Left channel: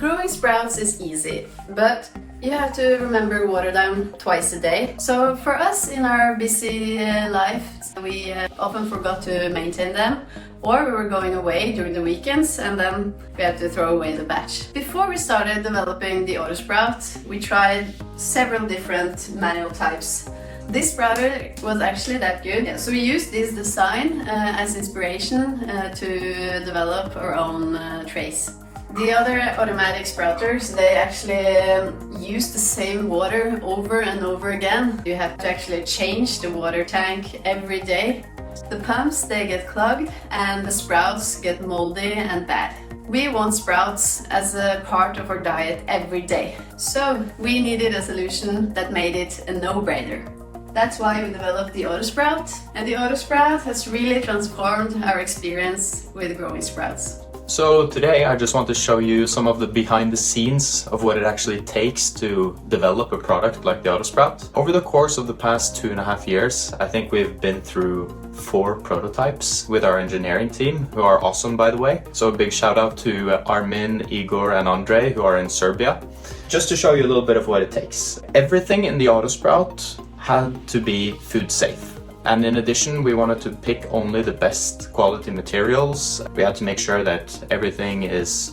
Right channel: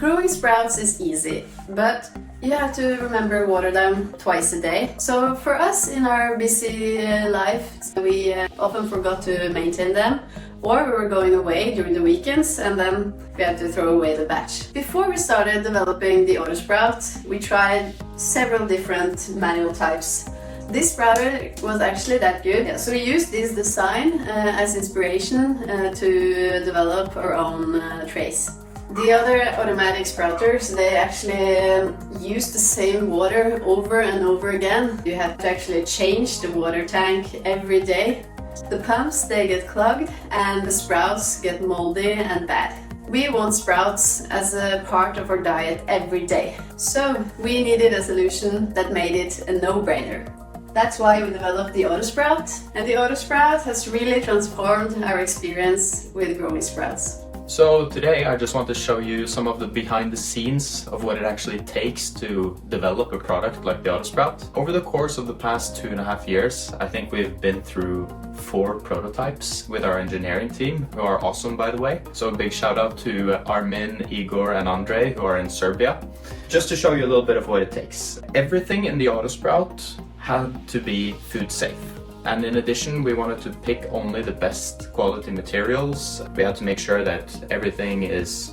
Growing sprouts is easy, but you have to remember water them twice a day. So for us in our busy life, we often forgot to maintain them, or we were going away during the weekends and then we had to throw away the batch. Before we started developing the AutoSprout, we tried several different manual types. This sprouter was actually that good, so we used this design as inspiration to develop our own trays. The other automatic sprouters, they actually use the same water over and over again. You have to actually change the water tank every day. The pumps, they get clogged and the sprouts get moldy and bad. We want sprouts as a part of our diet every day. So we needed a solution that made it a no-brainer. That's why we developed the AutoSprout, and the AutoSprout has really transformed our experience with growing sprouts. So today I just want to show you some of the behind the scenes of what it actually takes to develop a product like the AutoSprout. Over the course of the past 2.5 years, I think we've been through 4 prototypes with our engineering team, who are awesome by the way. So a big shout out to Armin, Igor and Andre, who are in Serbia. Just to show you a little bit of what it takes. Everything in the AutoSprout had to be food safe. And in addition, we wanted to pick only the best quality materials. We had to make sure that everything is,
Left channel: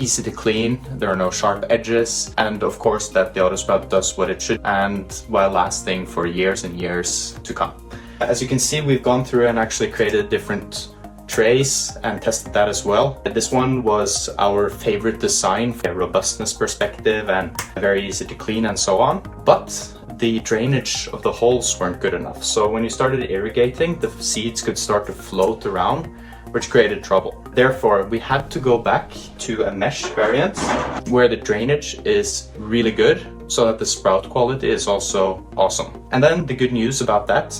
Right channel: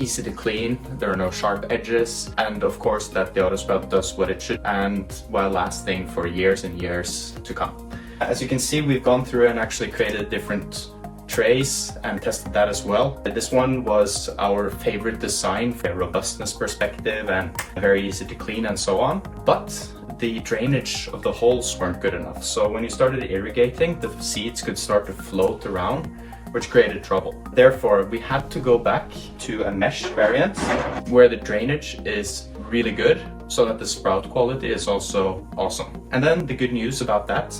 easy to clean, there are no sharp edges, and of course that the AutoSprout does what it should and while lasting for years and years to come. As you can see, we've gone through and actually created different trays and tested that as well. This one was our favorite design from a robustness perspective and very easy to clean and so on. But the drainage of the holes weren't good enough. So when you started irrigating, the seeds could start to float around, which created trouble. Therefore, we had to go back to a mesh variant where the drainage is really good so that the sprout quality is also awesome. And then the good news about that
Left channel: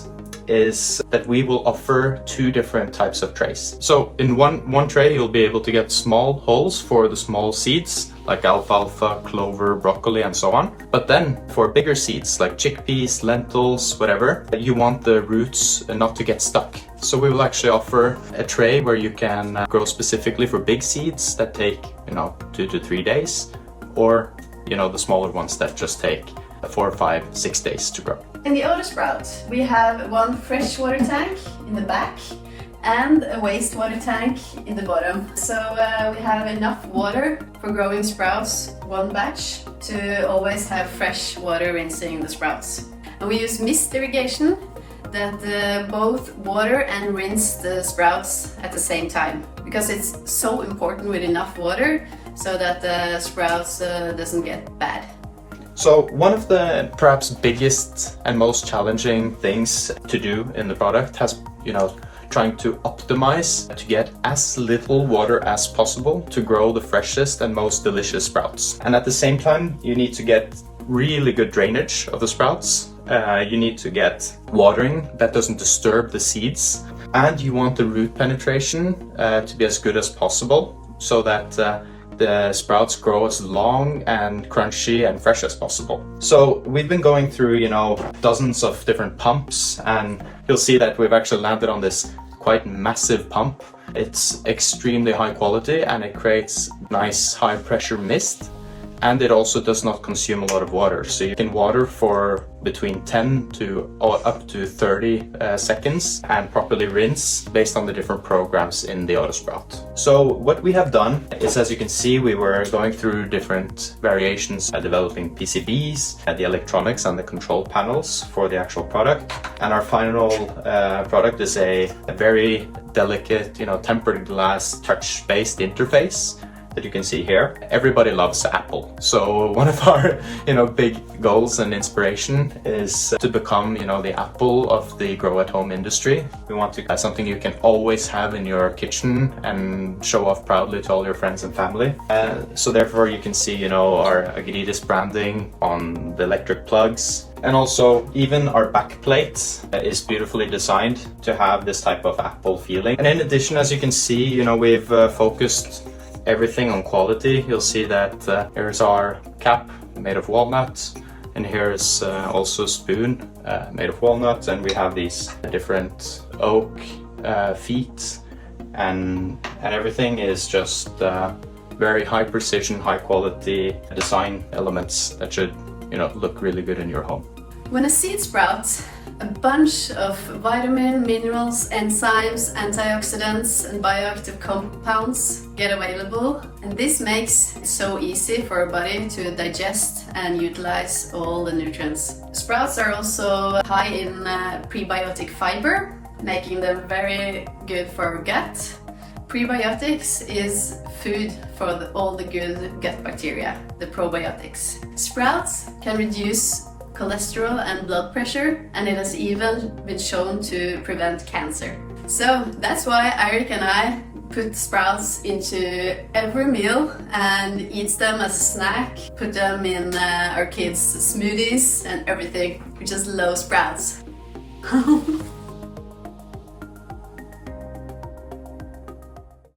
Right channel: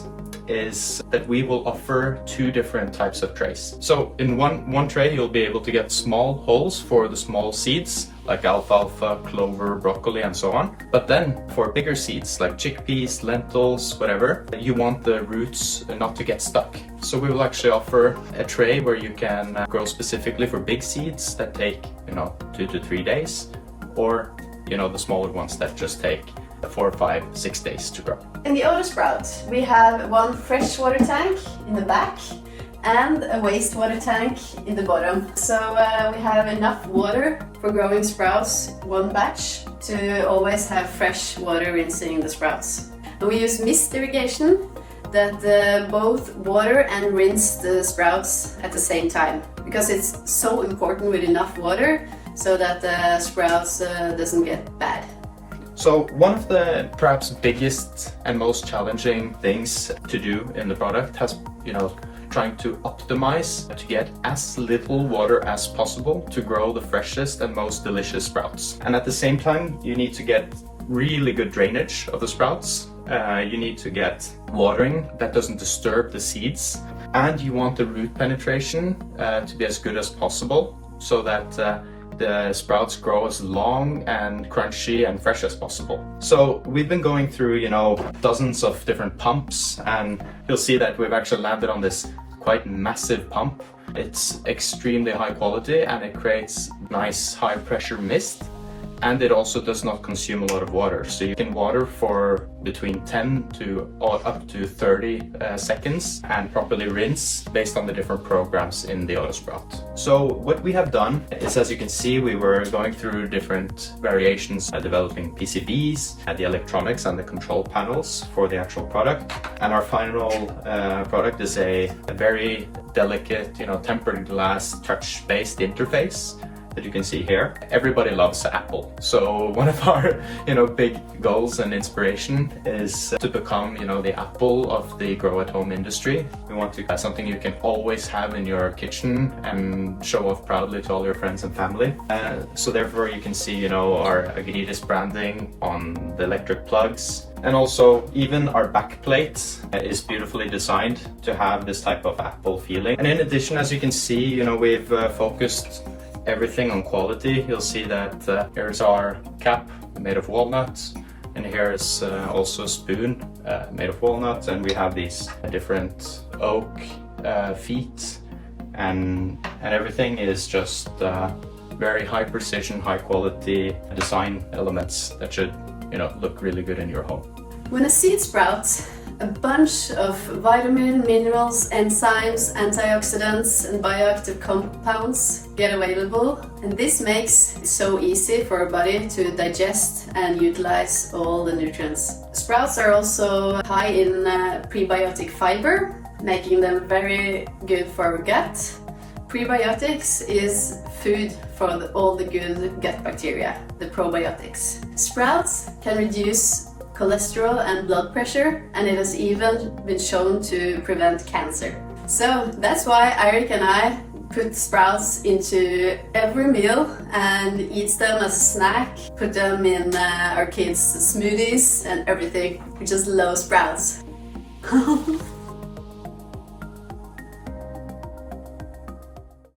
is that we will offer 2 different types of trays. So in one tray, you'll be able to get small holes for the small seeds, like alfalfa, clover, broccoli, and so on. But then for bigger seeds, like chickpeas, lentils, whatever, you want the roots not to get stuck. So we will actually offer a tray where you can grow specifically for big seeds that take, 2 to 3 days, or, the smaller ones that just take 4, 5, 6 days to grow. In the AutoSprout, we have one freshwater tank in the back and a wastewater tank in the bottom. So we have enough water for growing sprouts, one batch, to always have fresh water rinsing the sprouts. And we use mist irrigation that both water and rinse the sprouts at the same time, because it's so important with enough water so that the sprouts doesn't get bad. So one of the perhaps biggest and most challenging things to do in the product has, trying to optimize to get as little water as possible to grow the freshest and most delicious sprouts. And at the same time, you need to get really good drainage of the sprouts. You need to get watering that doesn't disturb the seeds. And you want the root penetration to be as good as possible so that the sprouts grow as long and crunchy and fresh as possible. So we've been going through, dozens of different pumps, and you'll see that we've actually landed on this quite massive pump. It's extremely high quality and it creates nice high pressure mist. And it also does not consume a lot of water. So you can water for between 10 to up to 30 seconds and properly rinse based on the different programs in the AutoSprout. So what we have done is, as you can see, we were going through different variations, developing PCBs, the electronics and the control panels for the actual product. And our final product is a very delicate, tempered glass touch-based interface that you can see here. Everybody loves Apple. So one of our, big goals and inspiration is to become, the Apple of the grow at home industry. We want to have something you can always have in your kitchen and show off proudly to all your friends and family. So therefore you can see, our agriris branding on the electric plugs. And also even our back plate is beautifully designed to have this type of Apple feeling. And in addition, as you can see, we've focused everything on quality. You'll see that here's our cap made of walnut, and here is also a spoon made of walnut, and we have these different oak feet, and everything is just very high precision, high quality design elements that should, look really good in your home. When a seed sprouts, a bunch of vitamin, minerals, enzymes, antioxidants and bioactive compounds get available, and this makes it so easy for our body to digest and utilize all the nutrients. Sprouts are also high in prebiotic fiber, making them very good for our gut. Prebiotics is food for all the good gut bacteria, the probiotics. Sprouts can reduce cholesterol and blood pressure, and it has even been shown to prevent cancer. So that's why Eirik and I put sprouts into every meal and eats them as a snack, put them in our kids' smoothies and everything. We just love sprouts.